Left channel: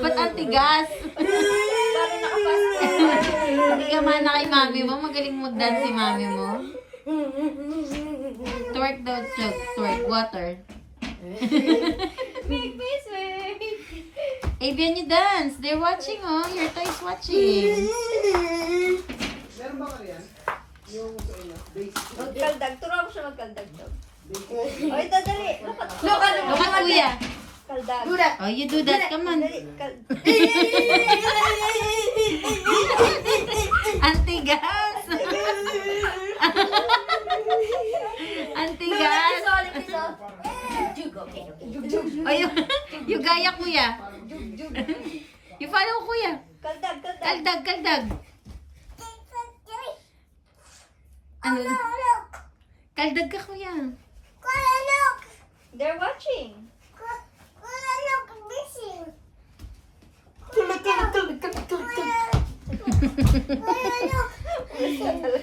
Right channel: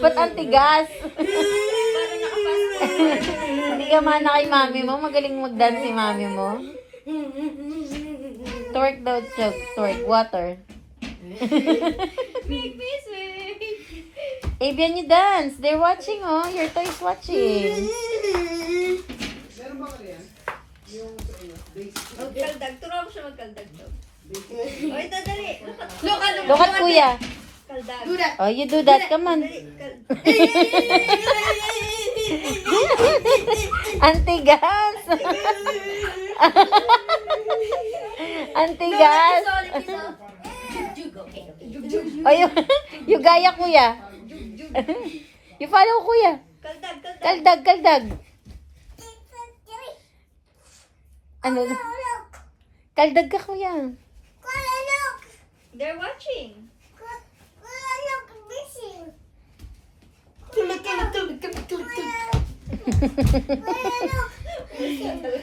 Ba't ang tigas? Hindi ka mana kay mami mo? Magaling mag-dance si mami mo? Twerk daw, twerk. Water. Make me sweet. Avian, you dance. They're watching, oh. Your toys watching. Meron ba ka yan? Yung base. Magkaldag. Turuan mo siya magkaldag daw. O, ito, dali. Look at kuya. Kaldag. Oh, you do that. Come on. Dali. Antigas. Antigas. Oh, you gaya kuya. You follow kuya. Kaldag, kaldag. Kaldag, kaldag. Ano? Kaldag ka kuya. They're watching.